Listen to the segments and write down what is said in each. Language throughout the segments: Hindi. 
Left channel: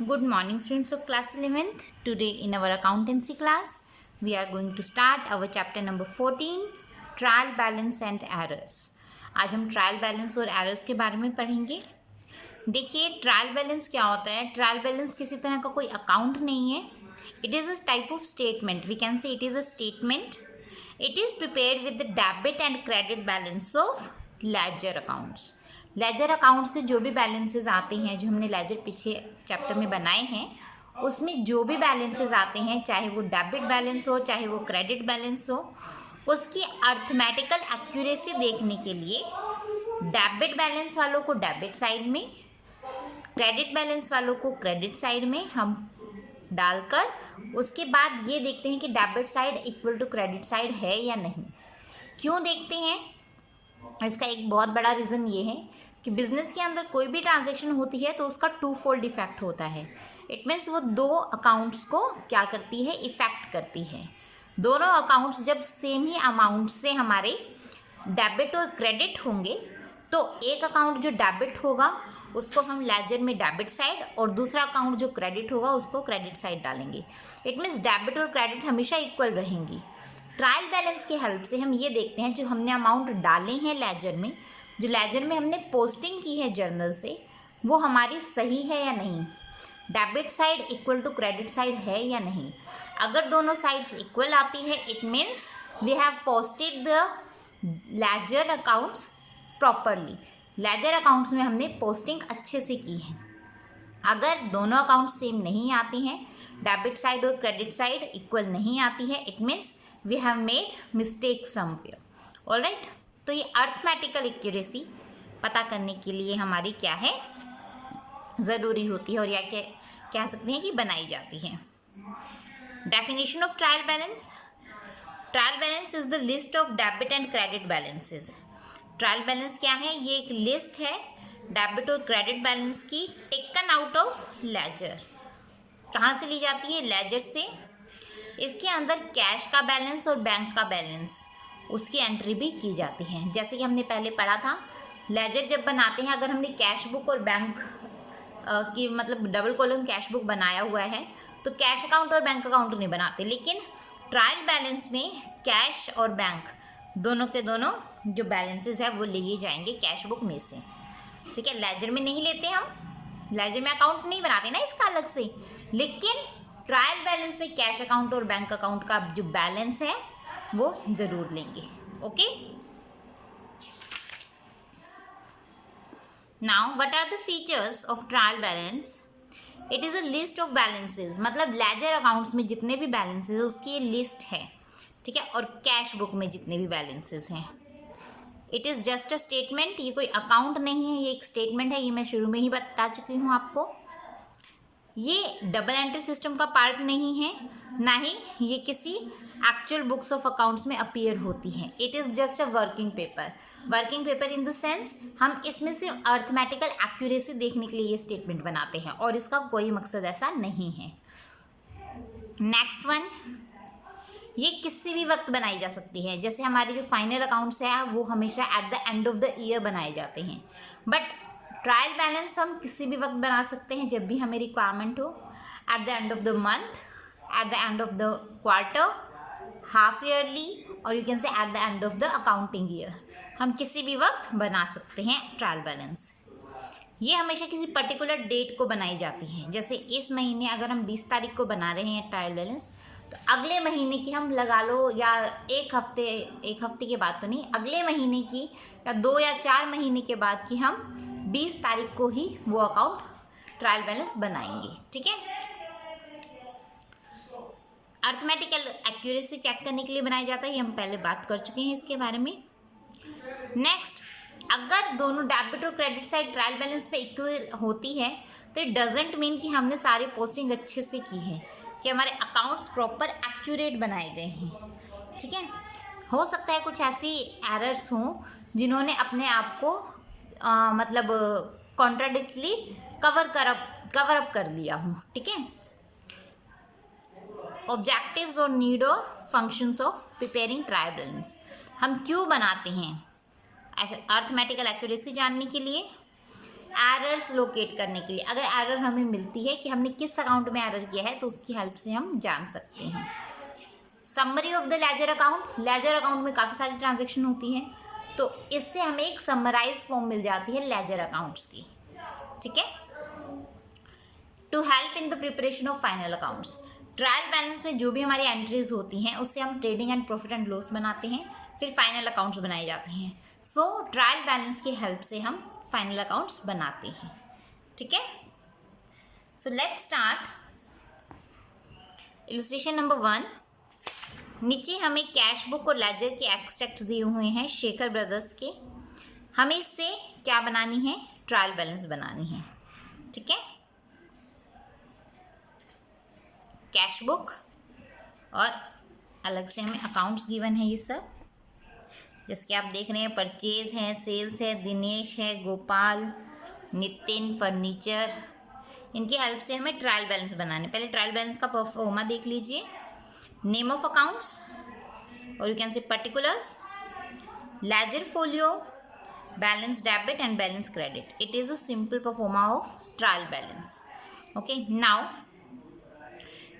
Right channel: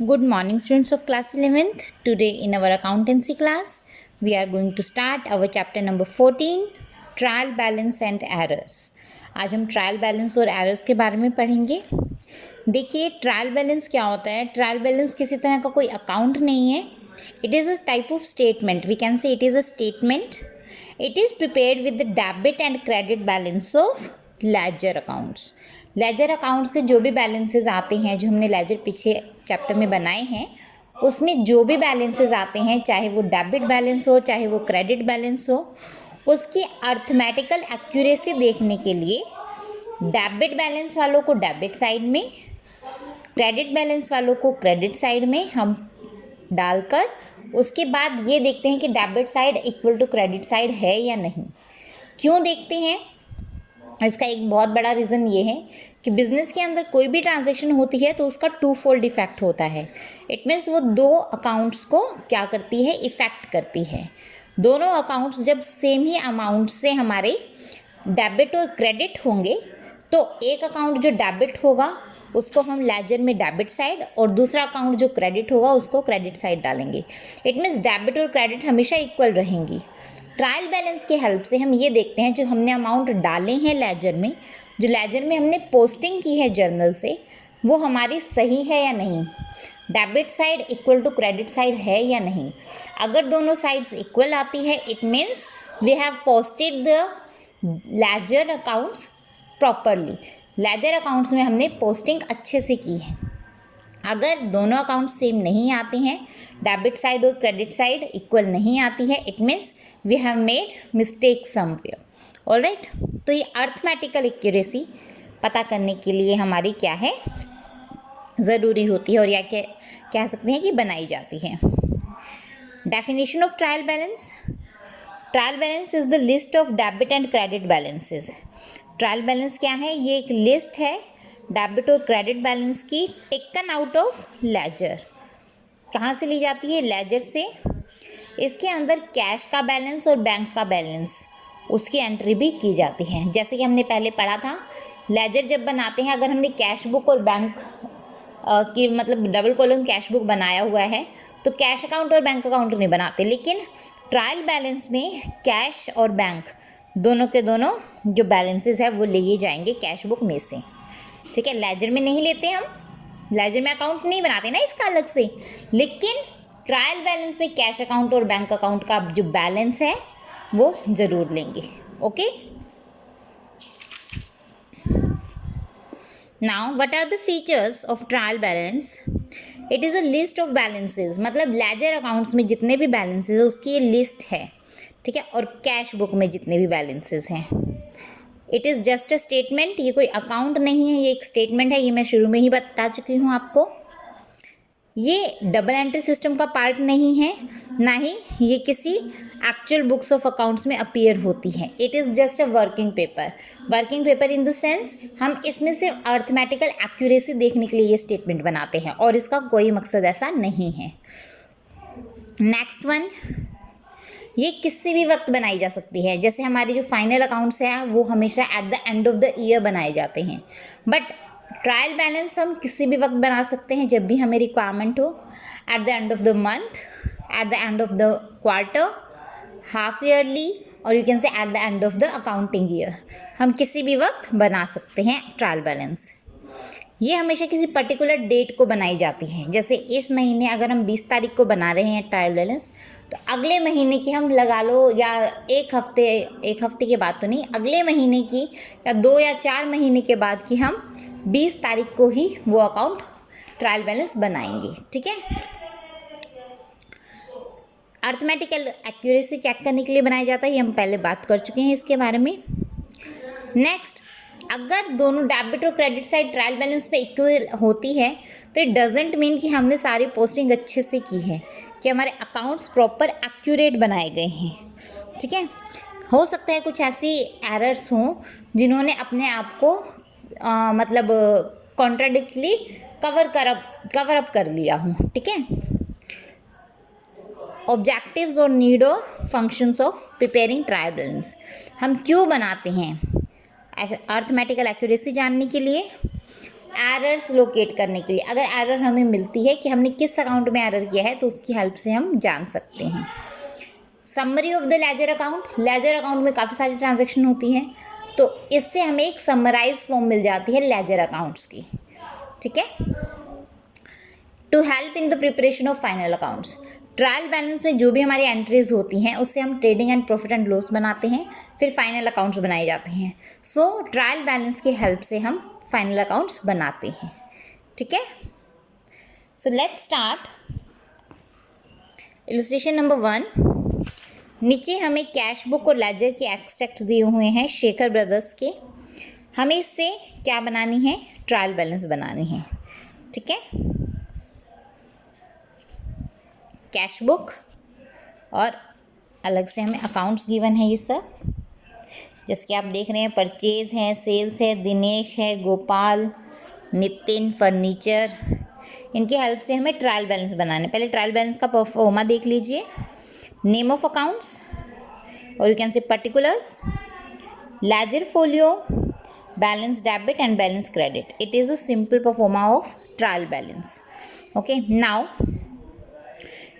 Good morning, students of class 11th. Today in our accountancy class, we are going to start our chapter number 14, trial balance and errors. आज हम ट्रायल बैलेंस और एरर्स के बारे में पढ़ेंगे. देखिए, ट्रायल बैलेंस क्या होता है. ट्रायल बैलेंस किसी तरह का कोई अकाउंट नहीं है. It is a type of statement. We can say it is a statement. It is prepared with the debit and credit balance of ledger accounts. Ledger accounts के जो भी बैलेंसेस आते हैं, जो हमने लेजर पीछे चैप्टर में बनाए हैं, उसमें जो भी बैलेंसेस आते हैं, चाहे वो डेबिट बैलेंस हो, चाहे वो क्रेडिट बैलेंस हो, उसकी अर्थमेटिकल एक्यूरेसी देखने के लिए डेबिट बैलेंस वालों को डेबिट साइड में, क्रेडिट बैलेंस वालों को क्रेडिट साइड में हम डालकर उसके बाद ये देखते हैं कि debit side equal to credit side है या नहीं. क्यों देखते हैं? इसका एक बहुत बड़ा रीज़न ये है कि बिज़नेस के अंदर कोई भी ट्रांजैक्शन होती है तो उसका टू फोल्ड इफेक्ट होता है. इट मीन्स वो दो अकाउंट्स को क्या करती है, इफ़ेक्ट करती है. दोनों अकाउंट्स जब सेम ही अमाउंट से हमारे डेबिट और क्रेडिट होंगे तो एक अकाउंट जो डेबिट होगा उसको हम लेजर में डेबिट साइड और दूसरा अकाउंट जो क्रेडिट होगा उसको क्रेडिट साइड डालेंगे. इट मीन्स डेबिट और क्रेडिट हमेशा इक्वल रहेंगी. ट्रायल बैलेंस की हेल्प से हम ये देखते हैं जो हमने अमाउंट डाले हैं लेजर में, जो लेजर में हमने पोस्टिंग की है जर्नल से, वो हमारी सही है या नहीं, debit side equal to credit side है या नहीं. अगर दोनों साइड्स इक्वल आती है it means we have posted the ledger accounts properly. Ledger accounts में हमने पोस्टिंग अच्छे से की है. अगर दोनों अकाउंट सेम नहीं आते हैं, डेबिट साइड और क्रेडिट साइड इक्वल नहीं आती है, it means we have made mistake somewhere. Alright, तो ये अर्थमेटिकल एक्यूरेसी पता करने के लिए हमारी क्या है, ज़रूरी होती है और या कह सकते हैं कि बनाई जाती है. Definition of trial balance. Trial balance is the list of debit and credit balances. Trial balance क्या है? ये एक लिस्ट है डेबिट और क्रेडिट बैलेंस की, टेकन आउट ऑफ लेजर. कहाँ से ली जाती है? लेजर से. इसके अंदर कैश का बैलेंस और बैंक का बैलेंस उसकी एंट्री भी की जाती है. जैसे कि हमने पहले पढ़ा था, लेजर जब बनाते हैं, अगर हमने कैश बुक और बैंक की मतलब डबल कॉलम कैश बुक बनाया हुआ है तो कैश अकाउंट और बैंक अकाउंट नहीं बनाते. लेकिन ट्रायल बैलेंस में कैश और बैंक दोनों के दोनों जो बैलेंसेस है वो लिए जाएंगे कैश बुक में से. ठीक है, लेजर में नहीं लेते हम, लेजर में अकाउंट नहीं बनाते ना इसका अलग से, लेकिन ट्रायल बैलेंस में कैश अकाउंट और बैंक अकाउंट का जो बैलेंस है वो ज़रूर लेंगे. Okay, now what are the features of trial balance. It is a list of balances. मतलब लेजर अकाउंट्स में जितने भी बैलेंसेस है उसकी ये लिस्ट है. ठीक है, और कैश बुक में जितने भी बैलेंसेस हैं. It is just a statement. ये कोई अकाउंट नहीं है, ये एक स्टेटमेंट है. ये मैं शुरू में ही बता चुकी हूँ आपको. ये डबल एंट्री सिस्टम का पार्ट नहीं है, ना ही ये किसी एक्चुअल बुक्स ऑफ अकाउंट्स में अपीयर होती है. It is just a working paper. Working paper in the sense हम इसमें सिर्फ अर्थमेटिकल एक्यूरेसी देखने के लिए ये स्टेटमेंट बनाते हैं और इसका कोई मकसद ऐसा नहीं है. नेक्स्ट वन, ये किसी भी वक्त बनाई जा सकती है. जैसे हमारी जो फाइनल अकाउंट्स हैं वो हमेशा eight the end of the year बनाए जाते हैं, बट ट्रायल बैलेंस हम किसी भी वक्त बना सकते हैं जब भी हमें रिक्वायरमेंट हो. At the end of the month, at the end of the quarter, half yearly, और you can say at the end of the accounting year. हम किसी भी वक्त बना सकते हैं ट्रायल बैलेंस. ये हमेशा किसी पर्टिकुलर डेट को बनाई जाती है. जैसे इस महीने अगर हम 20 तारीख को बना रहे हैं ट्रायल बैलेंस, तो अगले महीने की हम लगा लो, या एक हफ्ते के बाद तो नहीं, अगले महीने की या 2 या 4 महीने के बाद की हम 20 तारीख को ही वो अकाउंट ट्रायल बैलेंस बनाएंगे. ठीक है, अर्थमेटिकल एक्यूरेसी चेक करने के लिए बनाया जाता है. ये हम पहले बात कर चुके हैं इसके बारे में. नेक्स्ट, अगर दोनों डेबिट और क्रेडिट साइड ट्रायल बैलेंस पे इक्वल होती है तो इट डजेंट मीन कि हमने सारी पोस्टिंग अच्छे से की है, कि हमारे अकाउंट्स प्रॉपर एक्यूरेट बनाए गए हैं. ठीक है, हो सकता है कुछ ऐसी एरर्स हों जिन्होंने अपने आप को मतलब कॉन्ट्राडिक्टली कवर अप कर लिया हूँ. ठीक है, ऑब्जेक्टिव्स और नीड और functions of preparing trial balance. हम क्यों बनाते हैं? अर्थमेटिकल एक्यूरेसी जानने के लिए, एरर्स लोकेट करने के लिए, अगर एरर हमें मिलती है कि हमने किस अकाउंट में एरर किया है तो उसकी हेल्प से हम जान सकते हैं। Summary of the ledger account, ledger account में काफ़ी सारी ट्रांजैक्शन होती हैं, तो इससे हमें एक समराइज फॉर्म मिल जाती है लेजर अकाउंट्स की, ठीक है। To help in the preparation of final accounts, trial balance में जो भी हमारी एंट्रीज होती हैं उससे हम trading and profit and loss बनाते हैं, फिर फाइनल अकाउंट्स बनाए जाते हैं। सो ट्रायल बैलेंस की हेल्प से हम फाइनल अकाउंट्स बनाते हैं, ठीक है। So let's start illustration number 1। नीचे हमें कैश बुक और लेजर के एक्सट्रैक्ट दिए हुए हैं शेखर ब्रदर्स के। हमें इससे क्या बनानी है, ट्रायल बैलेंस बनानी है, ठीक है। कैश बुक और अलग से हमें अकाउंट्स गिवन है ये सब, जैसे कि आप देख रहे हैं परचेज है, सेल्स है, दिनेश है, गोपाल, नितिन, फर्नीचर, इनकी हेल्प से हमें ट्रायल बैलेंस बनाना है। पहले ट्रायल बैलेंस का परफॉर्मा देख लीजिए। नेम ऑफ अकाउंट्स और यू कैन से particulars, ledger folio, balance debit and balance credit. It is a simple pro forma of trial balance. Okay, now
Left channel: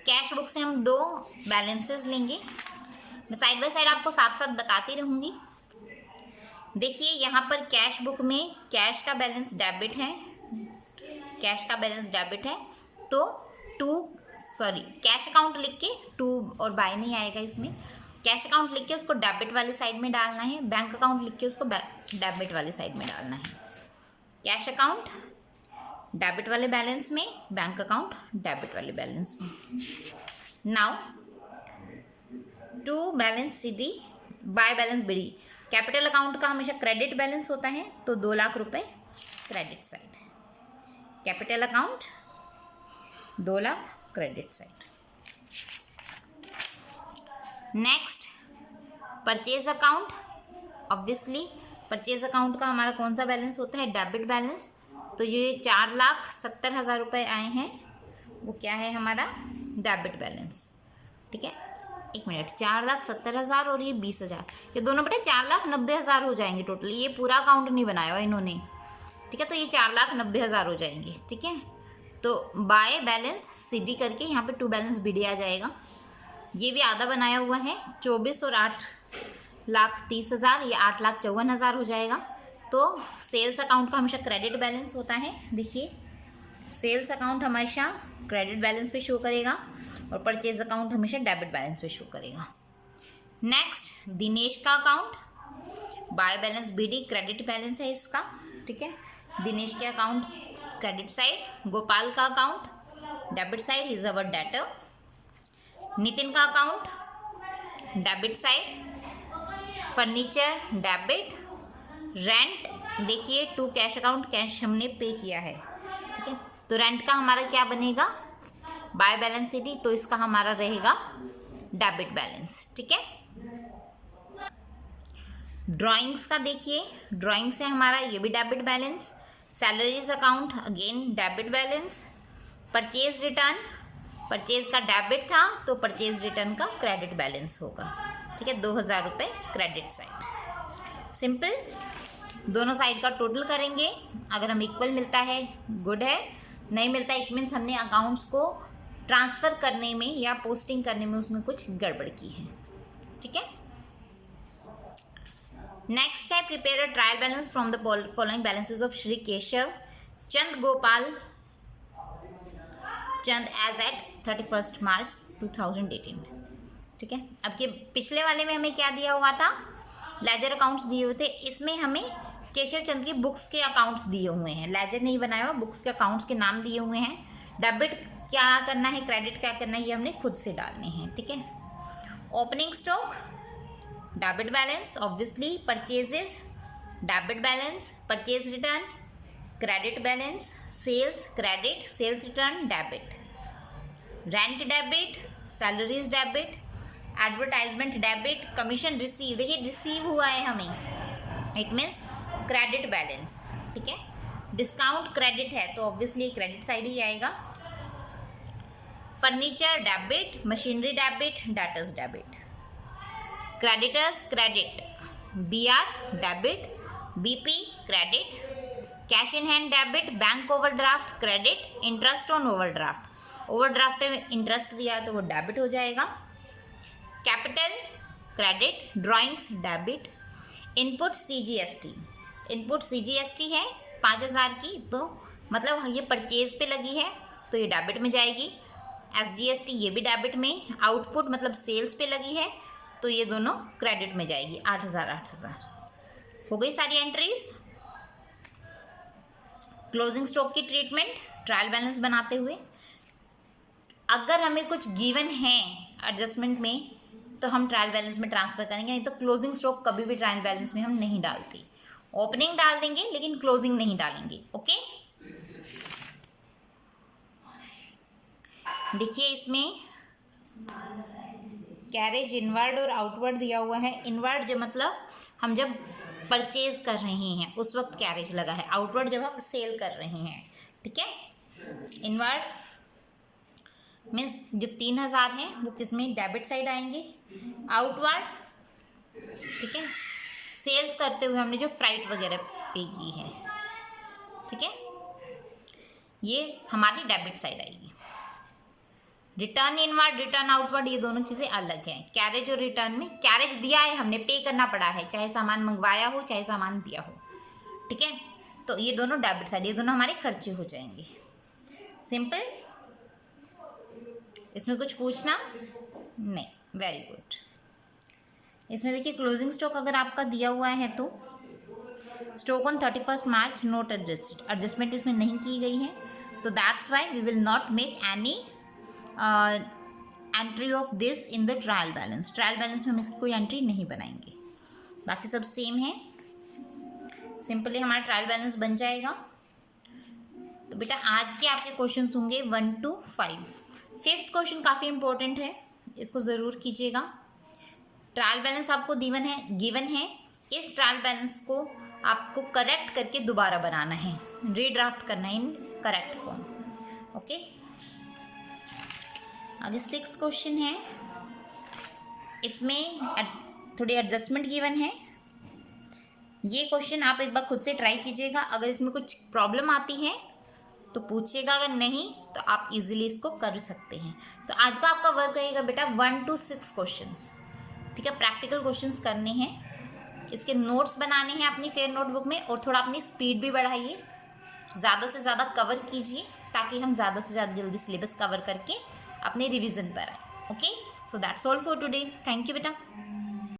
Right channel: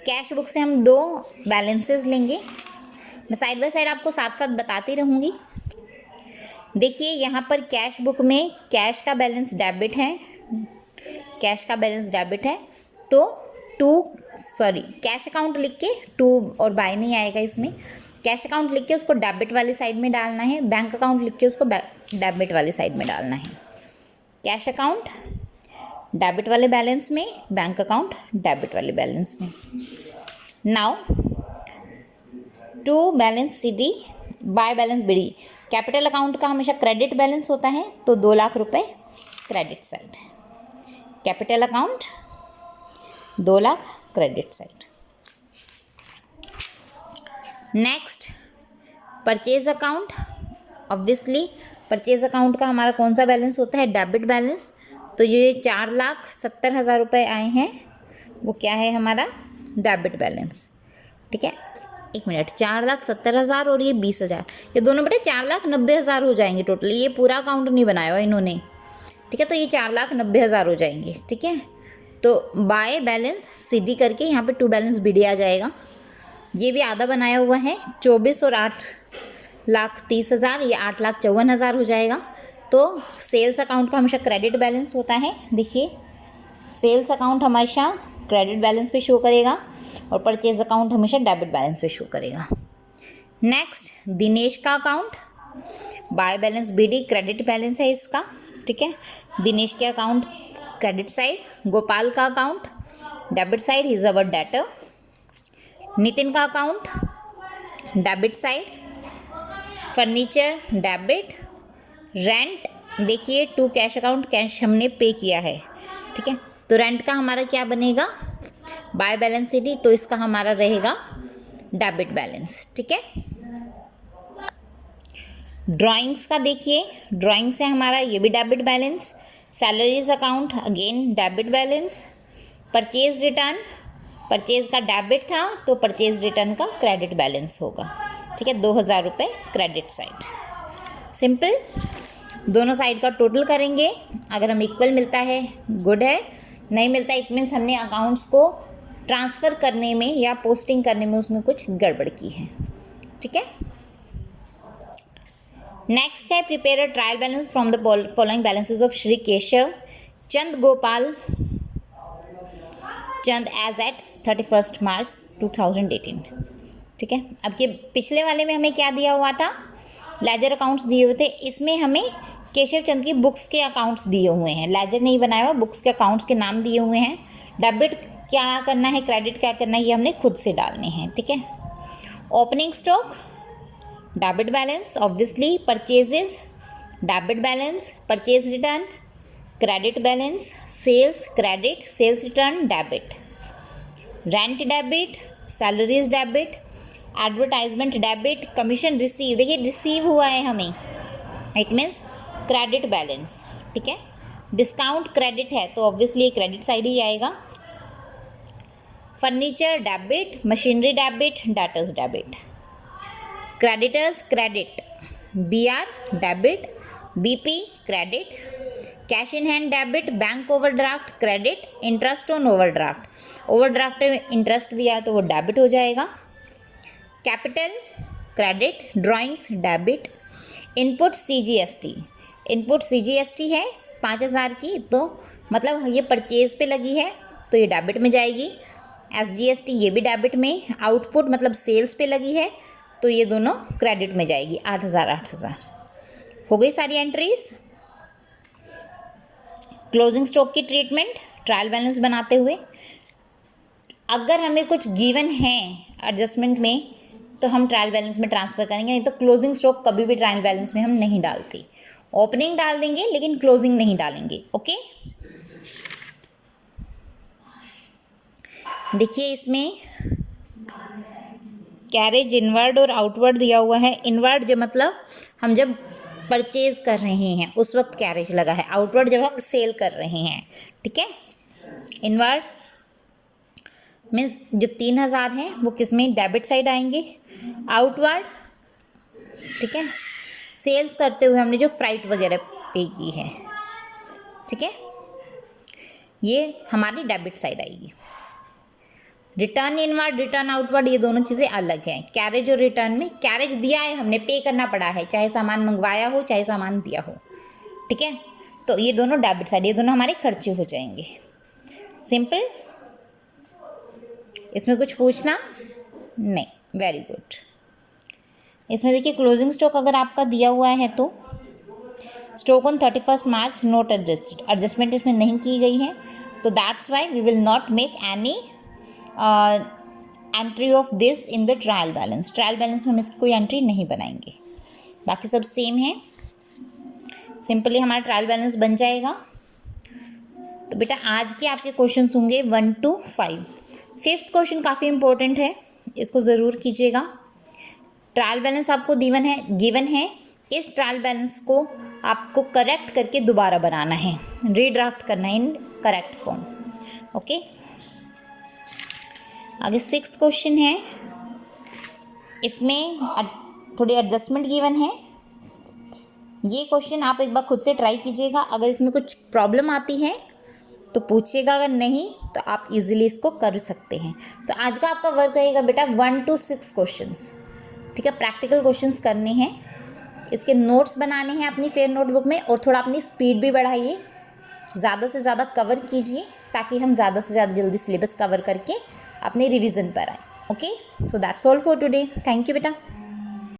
cash book से हम 2 बैलेंसेस लेंगे। मैं साइड बाय साइड आपको साथ साथ बताती रहूँगी। देखिए यहाँ पर कैश बुक में कैश का बैलेंस डेबिट है, कैश का बैलेंस डेबिट है, तो कैश अकाउंट लिख के 2 और बाय नहीं आएगा इसमें। कैश अकाउंट लिख के उसको डेबिट वाली साइड में डालना है, बैंक अकाउंट लिख के उसको डेबिट वाली साइड में डालना है। कैश अकाउंट डेबिट वाले बैलेंस में, बैंक अकाउंट डेबिट वाले बैलेंस में। Now to balance CD by balance BD। Capital account का हमेशा क्रेडिट बैलेंस होता है, तो 2 लाख रुपए credit side, capital account 2 lakh credit side. Next purchase account. Obviously purchase account का हमारा कौन सा बैलेंस होता है, डेबिट बैलेंस। तो ये 4,70,000 रुपये आए हैं, वो क्या है हमारा डेबिट बैलेंस, ठीक है। 1 मिनट, 4,70,000 और ये 20,000, ये दोनों बेटा 4,90,000 हो जाएंगे टोटल। ये पूरा अकाउंट नहीं बनाया हुआ इन्होंने, ठीक है, तो ये 4,90,000 हो जाएंगे, ठीक है। तो बाय बैलेंस CD करके यहाँ पे 2 बैलेंस BD आ जाएगा। ये भी आधा बनाया हुआ है, 24 और 8,30,000, ये 8,54,000 हो जाएगा। तो सेल्स अकाउंट का हमेशा क्रेडिट बैलेंस होता है। देखिए सेल्स अकाउंट हमेशा क्रेडिट बैलेंस पे शो करेगा और परचेज अकाउंट हमेशा डेबिट बैलेंस पे शो करेगा। नेक्स्ट दिनेश का account, bye balance BD credit balance है इसका, ठीक है। दिनेश के अकाउंट क्रेडिट साइड, गोपाल का account debit side, is our debtor. Nitin का account debit side, furniture debit, rent देखिए 2 कैश अकाउंट, कैश हमने पे किया है, ठीक है। तो रेंट का हमारा क्या बनेगा, बाय बैलेंस CD, तो इसका हमारा रहेगा डेबिट बैलेंस, ठीक है। ड्राइंग्स का देखिए, ड्राइंग से हमारा ये भी debit balance. Salaries account again debit balance. Purchase return, purchase का डेबिट था तो परचेज रिटर्न का क्रेडिट बैलेंस होगा, ठीक है। 2,000 रुपये क्रेडिट साइड। सिंपल, दोनों साइड का टोटल करेंगे, अगर हम इक्वल मिलता है गुड है, नहीं मिलता इट मीन्स हमने अकाउंट्स को ट्रांसफ़र करने में या पोस्टिंग करने में उसमें कुछ गड़बड़ की है, ठीक है। नेक्स्ट है prepare a trial balance from the following balances of Shri Keshav Chand Gopal Chand as at 31 March 2018, ठीक है। अब ये पिछले वाले में हमें क्या दिया हुआ था, लेजर अकाउंट्स दिए हुए थे, इसमें हमें केशव चंद की बुक्स के अकाउंट्स दिए हुए हैं, लेजर नहीं बनाया हुआ, बुक्स के अकाउंट्स के नाम दिए हुए हैं। डेबिट क्या करना है, क्रेडिट क्या करना है, ये हमने खुद से डालने हैं, ठीक है। Opening stock debit balance, obviously purchases debit balance, purchase return credit balance, sales credit, sales return debit, rent debit, salaries debit, advertisement debit, commission receive, देखिए रिसीव हुआ है हमें, इट मीन्स क्रेडिट बैलेंस, ठीक है। डिस्काउंट क्रेडिट है तो ऑब्वियसली क्रेडिट साइड ही आएगा। Furniture debit, machinery debit, debtors debit, creditors credit, BR debit, BP credit, cash in hand debit, bank overdraft credit, interest on overdraft. Overdraft में इंटरेस्ट दिया है तो वो डेबिट हो जाएगा। Capital credit, drawings debit, input CGST, input CGST है 5,000 की, तो मतलब ये परचेज पे लगी है तो ये डेबिट में जाएगी। SGST ये भी डेबिट में, आउटपुट मतलब सेल्स पे लगी है तो ये दोनों क्रेडिट में जाएगी। 8,000 8,000 हो गई सारी एंट्रीज। क्लोजिंग स्टॉक की ट्रीटमेंट ट्रायल बैलेंस बनाते हुए, अगर हमें कुछ गिवन है एडजस्टमेंट में तो हम ट्रायल बैलेंस में ट्रांसफ़र करेंगे, नहीं तो क्लोजिंग स्टॉक कभी भी ट्रायल बैलेंस में हम नहीं डालते। ओपनिंग डाल देंगे लेकिन क्लोजिंग नहीं डालेंगे। ओके, देखिए इसमें कैरेज इनवर्ड और आउटवर्ड दिया हुआ है। इनवर्ड जो मतलब हम जब परचेज कर रहे हैं उस वक्त कैरेज लगा है, आउटवर्ड जब हम सेल कर रहे हैं। ठीक है, इनवर्ड मीन्स जो 3,000 हैं वो किस में, डेबिट साइड आएंगे। आउटवर्ड, ठीक है, सेल्स करते हुए हमने जो फ्राइट वगैरह पे की है, ठीक है, ये हमारी डेबिट साइड आएगी। रिटर्न इनवर्ड, रिटर्न आउटवर्ड, ये दोनों चीज़ें अलग हैं। कैरेज और रिटर्न में कैरेज दिया है, हमने पे करना पड़ा है, चाहे सामान मंगवाया हो चाहे सामान दिया हो। ठीक है, तो ये दोनों डेबिट साइड, ये दोनों हमारे खर्चे हो जाएंगे। सिंपल, इसमें कुछ पूछना नहीं, वेरी गुड। इसमें देखिए क्लोजिंग स्टॉक अगर आपका दिया हुआ है तो stock on 31 March not adjusted, adjustment इसमें नहीं की गई है, तो that's why we will not make any entry of this in the trial balance. Trial balance में हम इसकी कोई एंट्री नहीं बनाएंगे, बाकी सब सेम है। सिंपली हमारा ट्रायल बैलेंस बन जाएगा। तो बेटा आज के आपके क्वेश्चन होंगे 1 to 5। 5th क्वेश्चन काफ़ी इंपॉर्टेंट है, इसको ज़रूर कीजिएगा। ट्रायल बैलेंस आपको गिवन है, इस ट्रायल बैलेंस को आपको करेक्ट करके दोबारा बनाना है, रीड्राफ्ट करना है इन करेक्ट फॉर्म। ओके, आगे 6th क्वेश्चन है, इसमें थोड़ी एडजस्टमेंट गिवन है। ये क्वेश्चन आप एक बार खुद से ट्राई कीजिएगा, अगर इसमें कुछ प्रॉब्लम आती है तो पूछिएगा, अगर नहीं तो आप इजीली इसको कर सकते हैं। तो आज का आपका वर्क रहेगा बेटा 1 to 6 क्वेश्चंस। ठीक है, प्रैक्टिकल क्वेश्चंस करने हैं, इसके नोट्स बनाने हैं अपनी फेयर नोटबुक में, और थोड़ा अपनी स्पीड भी बढ़ाइए, ज़्यादा से ज़्यादा कवर कीजिए ताकि हम ज़्यादा से ज़्यादा जल्दी सिलेबस कवर करके अपने रिवीजन पर आए। Okay, so that's all for today. Thank you बेटा।